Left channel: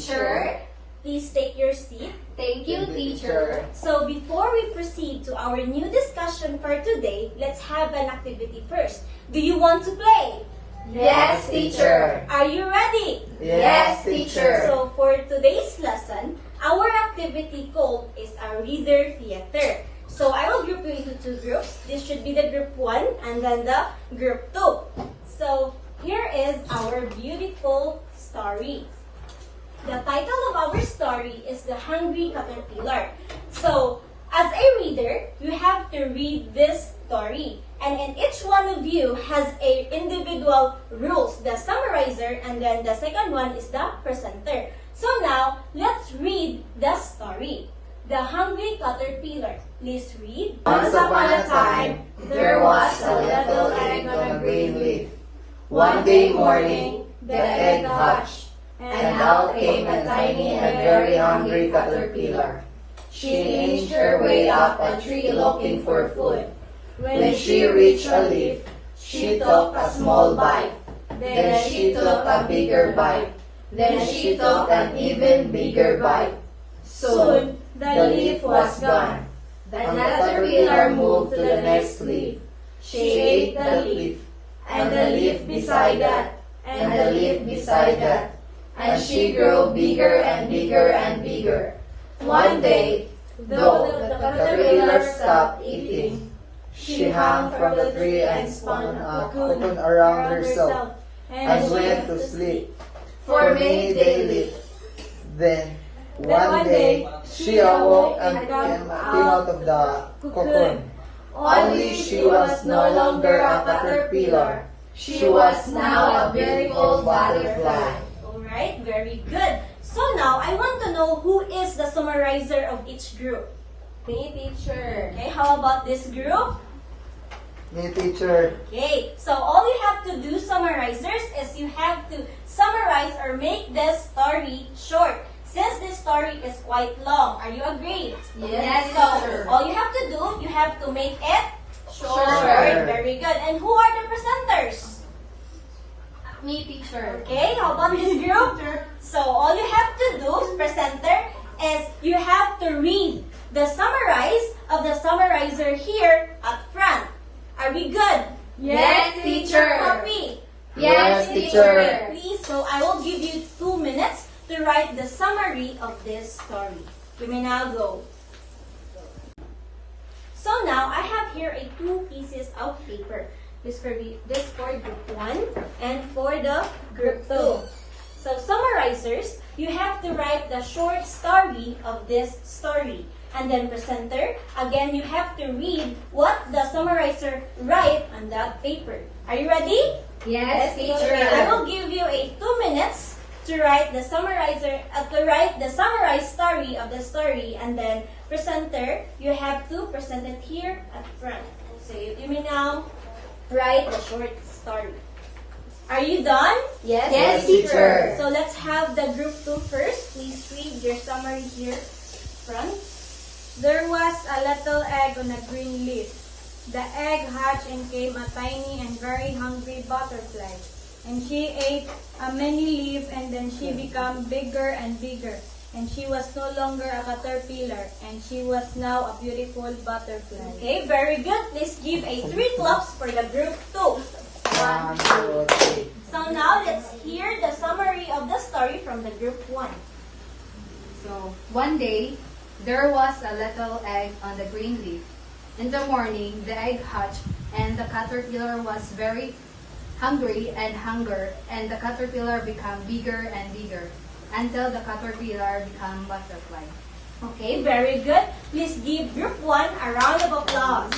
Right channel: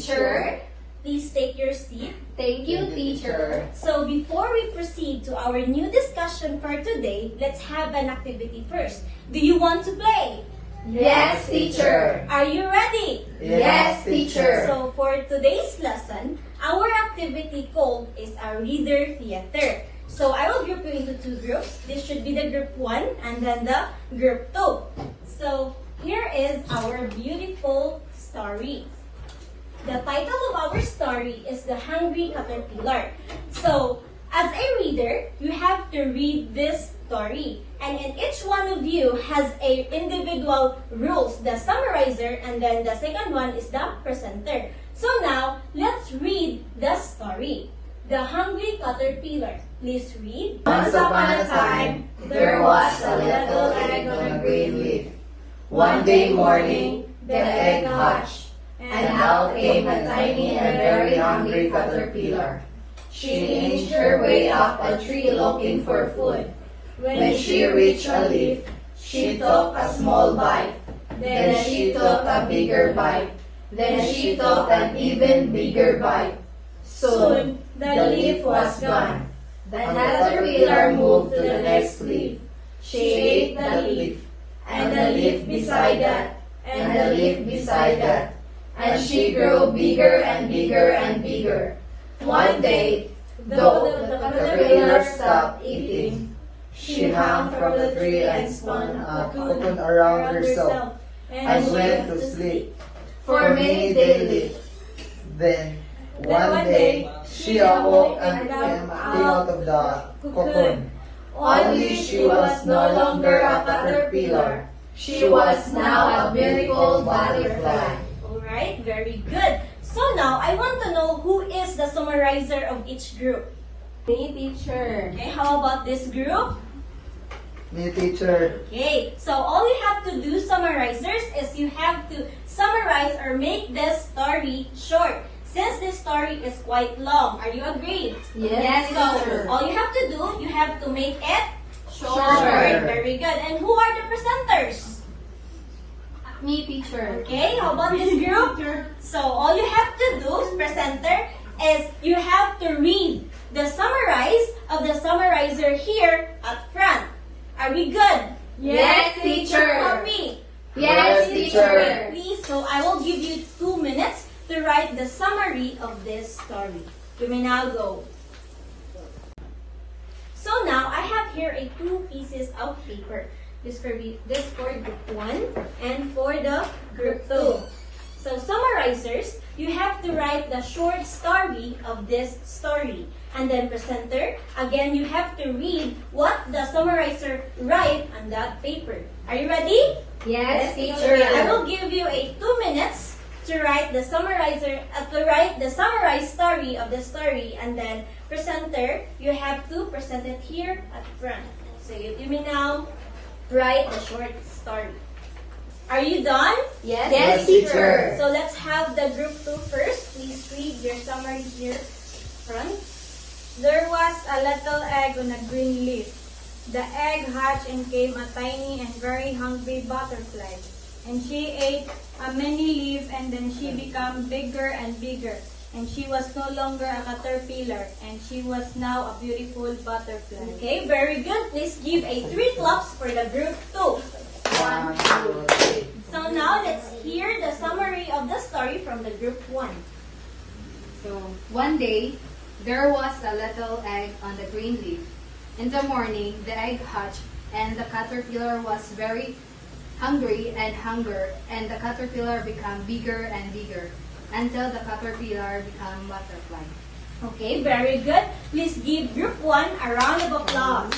teacher. Please take your seat. Thank you, teacher. So before we proceed to our new discussion for today, let's have an activity first. Do you want to play? Yes, teacher. Are you ready? Yes, teacher. So for today's lesson, our activity called is a reader theater. So I will group you into two groups. This should be the group 1 and then the group 2. So here is our beautiful story. The title of our story is The Hungry Caterpillar. So as a reader, you have to read this story. And each one of you has a individual rules, the summarizer, and then the second one is the presenter. So now, let's read the story. The Hungry Caterpillar. Please read. Once upon a time, there was a little egg on a green leaf. One day morning, the egg hatched, and out came a tiny and very hungry caterpillar. She inched her way up a tree looking for food. When she reached a leaf, she took a small bite. Then she took a bigger bite. Then she took an even bigger bite. Soon, the leaf was gone. The caterpillar moved to the next leaf. She ate the leaf, and the leaf beside that, and the leaf beside that. And she grew bigger and bigger and bigger. One day, though the caterpillar stopped eating, she hung from the tree and spun a cocoon around herself and went to sleep. for many days. Then, one day, she awoke and came out of the cocoon. Only she was no longer a caterpillar. She was now a beautiful butterfly. Alright, very good. So now, I want to know who is the summarizer of each group. Me, teacher. Okay, how about this group? Me, teacher. Okay, so all you have to do, summarizers, is you have to summarize or make this story short. Since this story is quite long, are you agreed? Yes, So, teacher. all you have to do, you have to make it short. Short. Very good. And who are the presenters? Me, teacher. Okay, how about this group? So, all you have to do, presenter, is you have to read the summarize of the summarizer here at front. Are we good? Yes, teacher. Happy? Yes, teacher. Please, so I will give you 2 minutes to write the summary of this story. You may now go. So now, I have here 2 pieces of paper. This for group 1 and for the group 2. So summarizers, you have to write the short story of this story. And then presenter, again, you have to read what the summarizer write on that paper. Are you ready? Yes, Okay, I teacher. will give you 2 minutes to write the summarizer, to write the summarized story of the story, and then presenter, you have to present it here at front. So you may now write the short story. Are you done? Yes, Yes, teacher. teacher. So let's have the group 2 first. Please read your summary here front. There was a little egg on a green leaf. The egg hatched and came a tiny and very hungry butterfly. And she ate a many leaf and then she became bigger and bigger. And she was no longer a caterpillar and she was now a beautiful butterfly. Okay, very good. Please give a 3 claps for the group 2. 1, 2, 3. So now let's hear the summary of the story from the group 1. So, one day, there was a little egg on the green leaf. In the morning, the egg hatched, and the caterpillar was very hungry and the caterpillar became bigger and bigger, until the caterpillar became butterfly. Okay, very good. Please give group 1 a round of applause.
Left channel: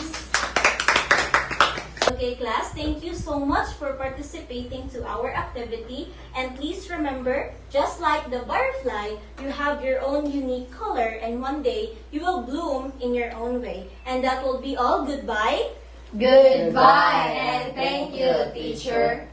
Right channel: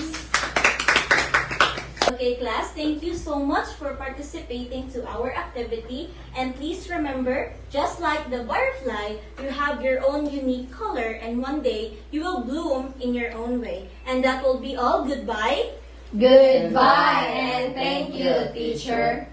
Okay, class, thank you so much for participating to our activity. And please remember, just like the butterfly, you have your own unique color, and one day you will bloom in your own way. And that will be all. Goodbye. Goodbye and thank you, teacher.